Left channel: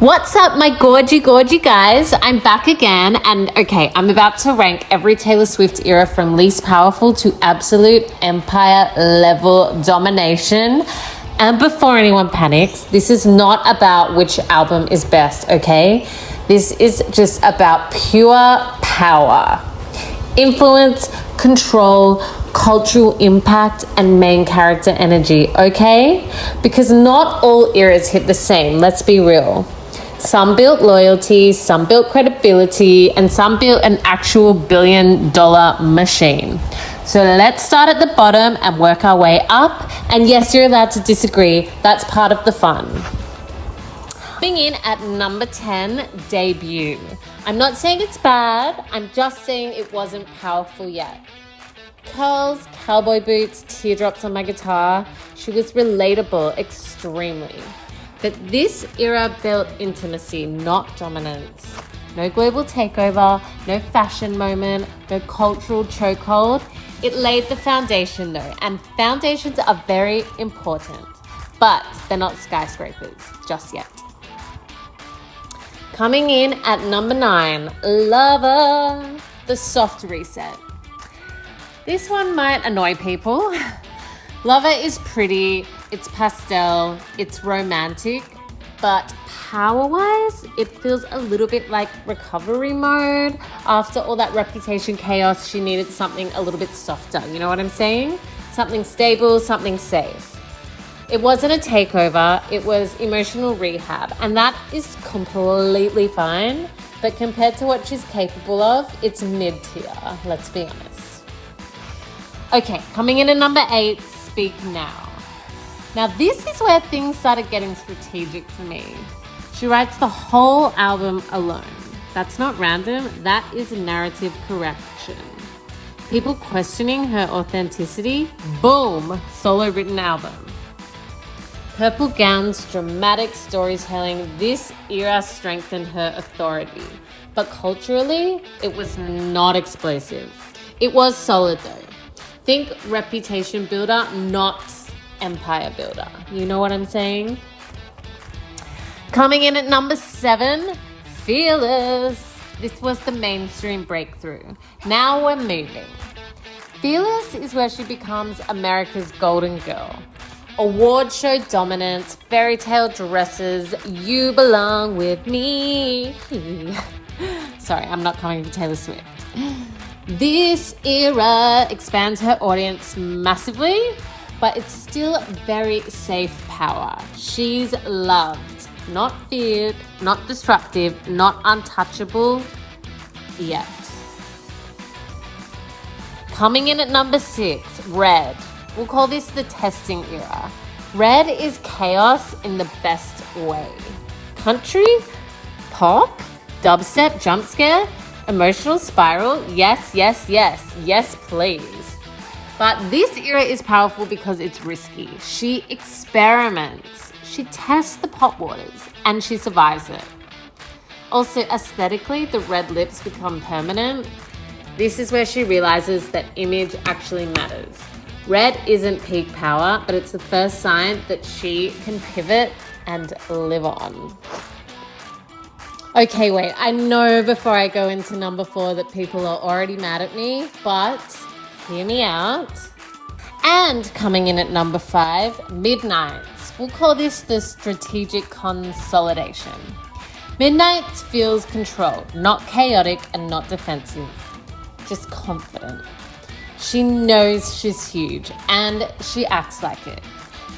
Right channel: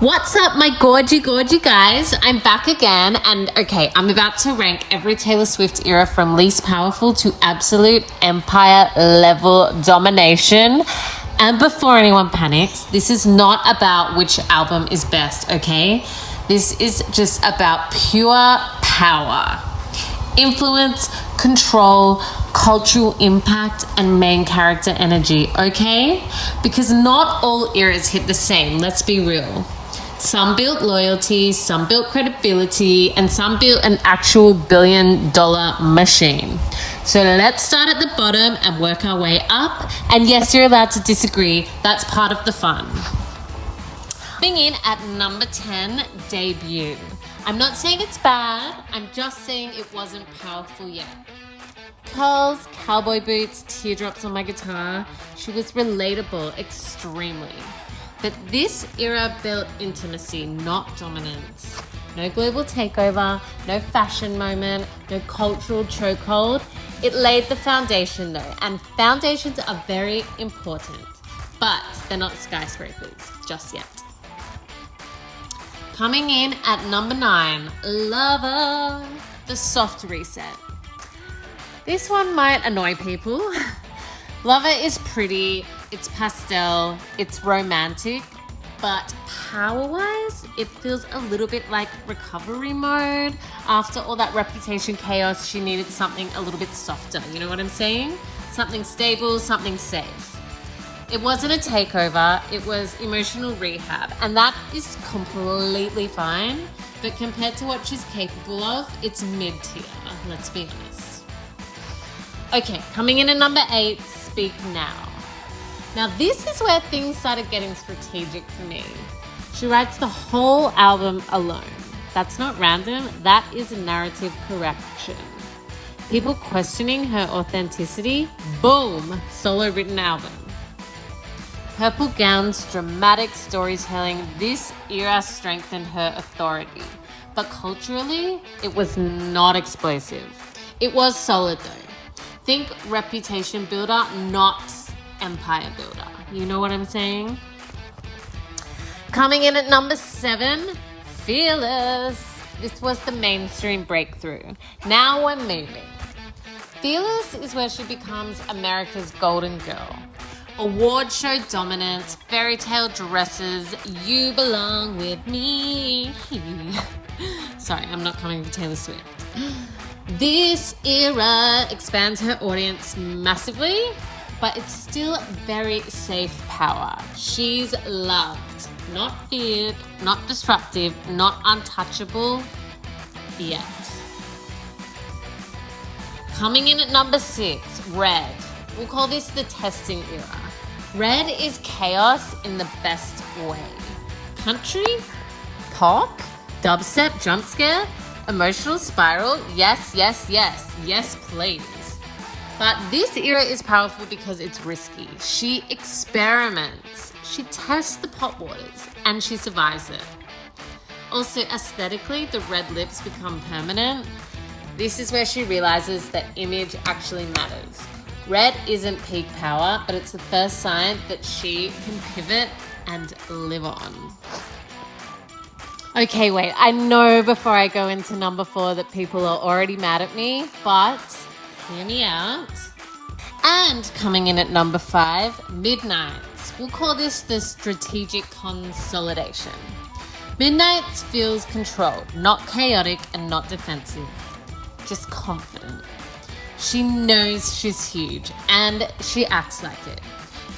What's up, my gorgy guys? I'm back again, and okay, I'm about to rank every Taylor Swift era from least powerful to absolute empire level domination. And before anyone panics, this is not about which album is best, okay? This is just about pure power, influence, control, cultural impact, and main character energy, okay? Because not all eras hit the same, let's be real. Some built loyalty, some built credibility, and some built an actual billion-dollar machine. So let's start at the bottom and work our way up. And yes, you're allowed to disagree. That's part of the fun. Coming in at number 10, Debut. I'm not saying it's bad. I'm just saying it wasn't powerful yet. Curls, cowboy boots, teardrops on my guitar. She was relatable, extremely. But this era built intimacy, not dominance. No global takeover, no fashion moment, no cultural chokehold. It laid the foundation though, and foundations are very important, but they're not skyscrapers just yet. Coming in at number 9, Lover, the soft reset. This one might annoy people. Lover is pretty, it's pastel, it's romantic, but power-wise, it feels a little bit like recovery mode. After all that Reputation chaos, she needed something a little bit softer, you know what I'm saying? Something stable, something safe. It wasn't a takeover, it was emotional rehab, and that is completely fine, but compared to what she's capable of, it's mid-tier, let's be honest. Okay, coming in at number 8, Speak Now. Now this is where things started getting strategic for me. She writes the whole album alone. That's not random, that is narrative correction. People questioning her authenticity, boom, solo written album. Purple gowns, dramatic storytelling, this era strengthened her authority. But culturally, it was not explosive. It was solid though. Think reputation builder, not empire builder. You know what I'm saying? Coming in at number 7, Fearless. This was the mainstream breakthrough. Now we're moving. Fearless is where she becomes America's golden girl. Award show dominance, fairy tale dresses, you belong with me. Sorry, I'm not coming for Taylor Swift. This era expands her audience massively, but it's still very safe power. She's loved, not feared, not disruptive, not untouchable yet. Coming in at number 6, Red. We'll call this the testing era. Red is chaos in the best way. Country, pop, dubstep, jump scare, emotional spiral, yes, please. But this era is powerful because it's risky. She experiments, she tests the pop waters, and she survives it. Also, aesthetically, the red lips become permanent. This is where she realizes that image actually matters. Red isn't peak power, but it's the first sign that she can pivot and live on. Okay, wait, I know before I go into number 4 that people are already mad at me, but hear me out. And coming in at number 5, Midnights. We'll call this the strategic consolidation. Midnights feels controlled, not chaotic and not defensive, just confident. She knows she's huge and she acts like it.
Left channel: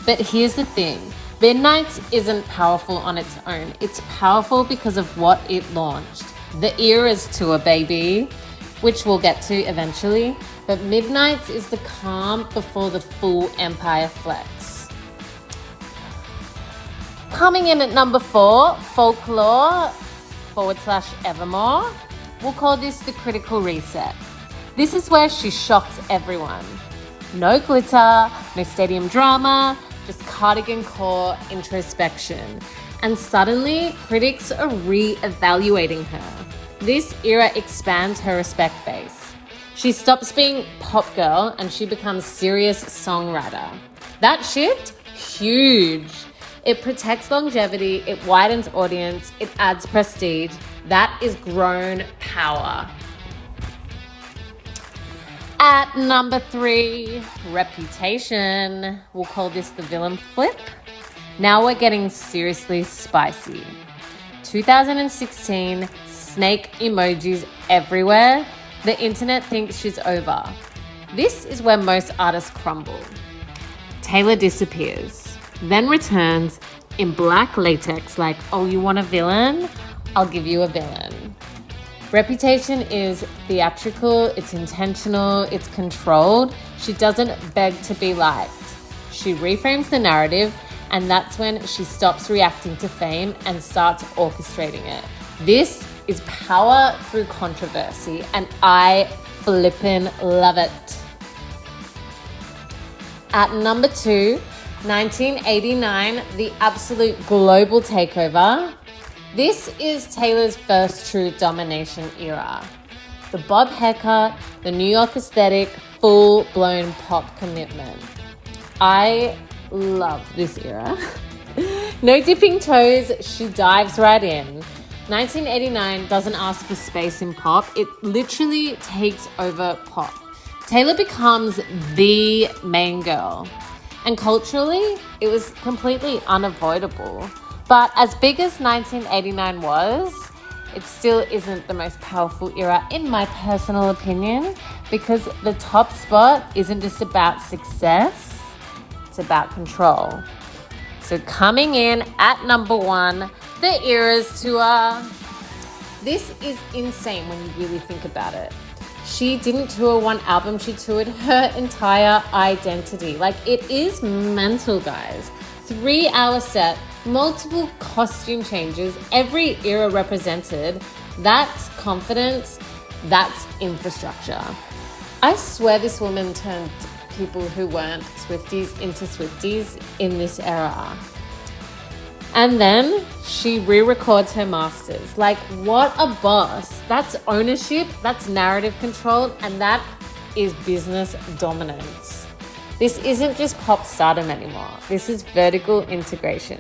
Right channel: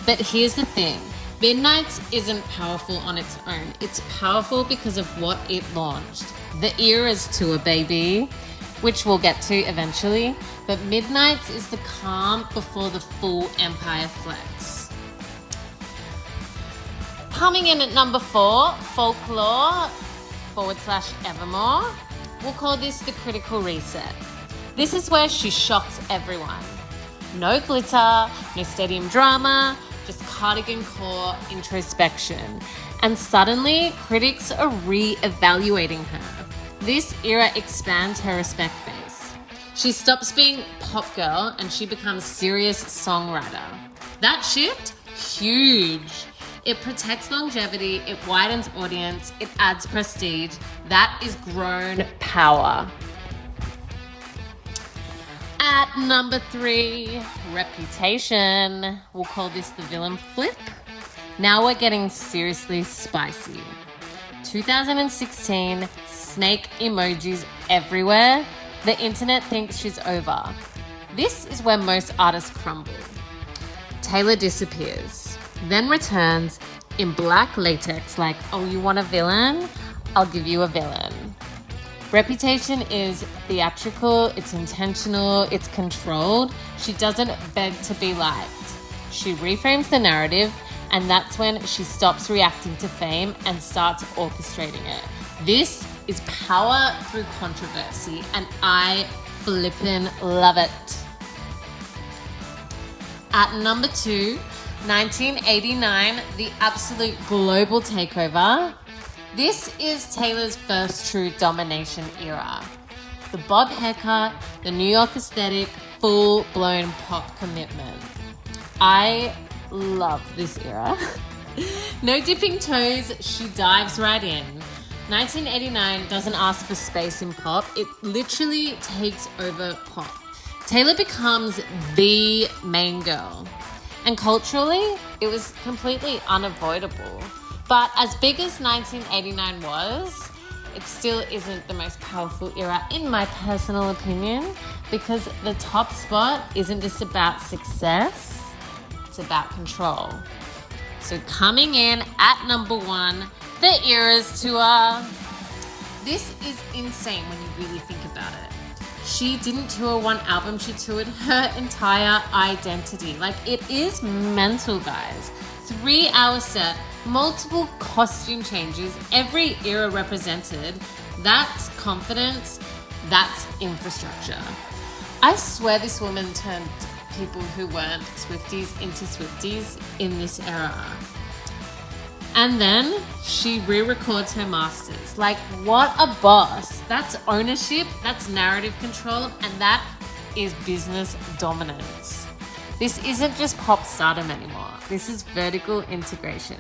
But here's the thing. Midnights isn't powerful on its own. It's powerful because of what it launched. The Eras tour, baby, which we'll get to eventually. But Midnights is the calm before the full empire flex. Coming in at number 4, Folklore / Evermore. We'll call this the critical reset. This is where she shocks everyone. No glitter, no stadium drama, just cardigan core introspection. And suddenly, critics are re-evaluating her. This era expands her respect base. She stops being pop girl and she becomes serious songwriter. That shift, huge. It protects longevity, it widens audience, it adds prestige. That is grown power. At number 3, reputation. We'll call this the villain flip. Now we're getting seriously spicy. 2016, snake emojis everywhere. The internet thinks she's over. This is where most artists crumble. Taylor disappears, then returns in black latex like, oh, you want a villain? I'll give you a villain. Reputation is theatrical, it's intentional, it's controlled. She doesn't beg to be liked. She reframes the narrative, and that's when she stops reacting to fame and starts orchestrating it. This is power through controversy, and I flippin' love it. At number 2, 1989, the absolute global takeover. This is Taylor's first true domination era. The bob haircut, the New York aesthetic, full-blown pop commitment. I love this era. No dipping toes, she dives right in. 1989 doesn't ask for space in pop, it literally takes over pop. Taylor becomes the main girl. And culturally, it was completely unavoidable. But as big as 1989 was, it still isn't the most powerful era in my personal opinion, because the top spot isn't just about success, it's about control. So coming in at number 1, the Eras Tour. This is insane when you really think about it. She didn't tour one album, she toured her entire identity. Like, it is mental, guys. 3-hour set, multiple costume changes, every era represented. That's confidence, that's infrastructure. I swear this woman turned people who weren't Swifties into Swifties in this era. And then she re-records her masters. Like, what a boss. That's ownership, that's narrative control, and that is business dominance. This isn't just pop stardom anymore. This is vertical integration.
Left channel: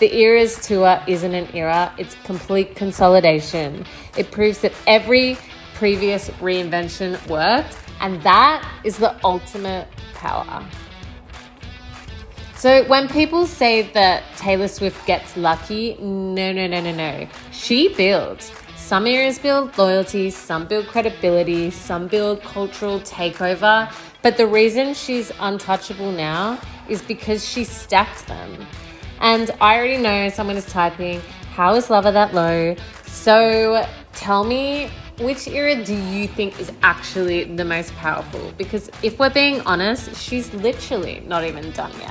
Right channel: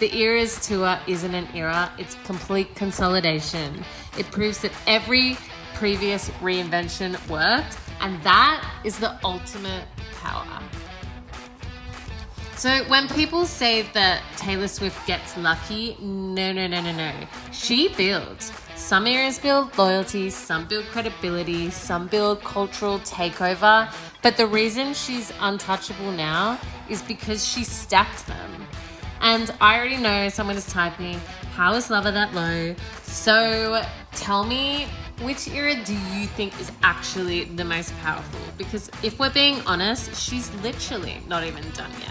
The Eras Tour isn't an era, it's complete consolidation. It proves that every previous reinvention worked, and that is the ultimate power. So when people say that Taylor Swift gets lucky, no. She builds. Some eras build loyalty, some build credibility, some build cultural takeover. But the reason she's untouchable now is because she stacked them. And I already know someone is typing, how is Lover that low? So tell me, which era do you think is actually the most powerful? Because if we're being honest, she's literally not even done yet.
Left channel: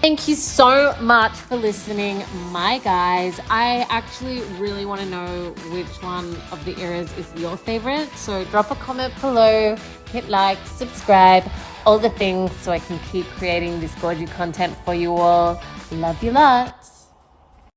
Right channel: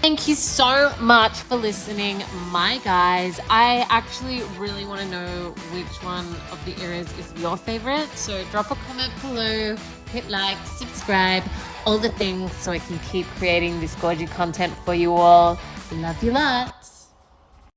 Thank you so much for listening, my guys. I actually really want to know which one of the eras is your favorite. So drop a comment below, hit like, subscribe, all the things so I can keep creating this gorgeous content for you all. Love you lots.